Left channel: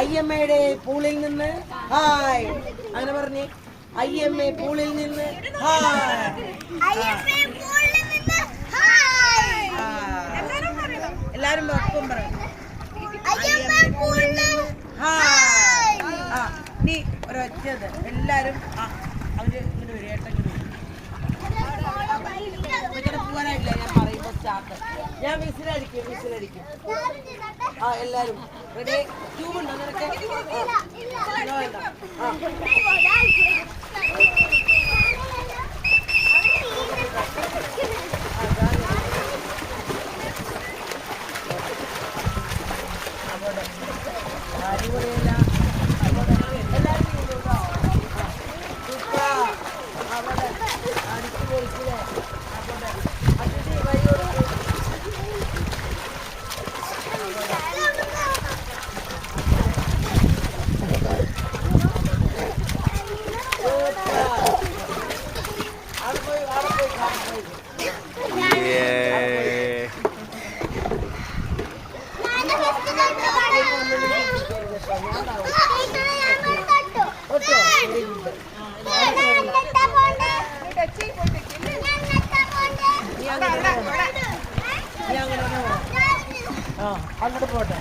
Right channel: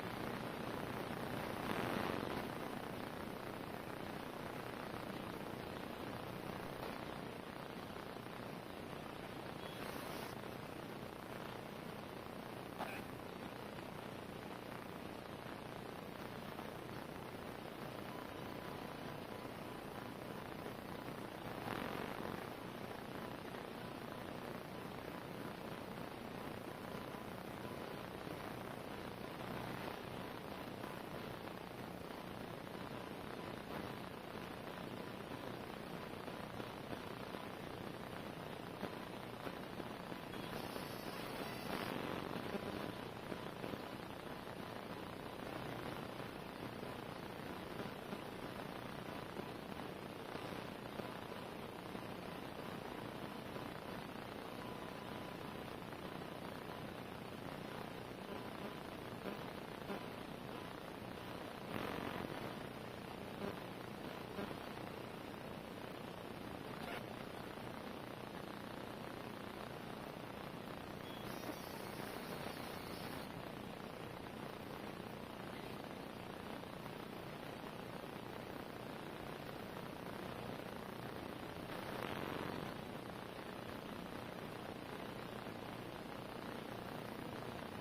അയ്യമ്മയുടെ പൂളിൽ നിന്ന് ഹായ് അങ്ങനെ പറഞ്ഞേ. അയ്യമ്മ പൂളിൽ നിന്ന് ഹായ്. എല്ലാരും ഒപ്പം പറയണം. നീ ഒരൊറ്റത് എല്ലാരും അവര് ഇങ്ങനെ ഒരു ഏട്ടങ്ങനെ പോകാനായിട്ടില്ല. ഞാൻ പറയുമ്പോ സ്റ്റാർട്ട്. ഞാൻ വിസിലടിക്കും. എല്ലാരും റെഡി. ട്യൂബുണ്ടോ നിനക്ക്? അടിപൊളിയല്ല. അങ്ങോട്ട് പോട്ടെ.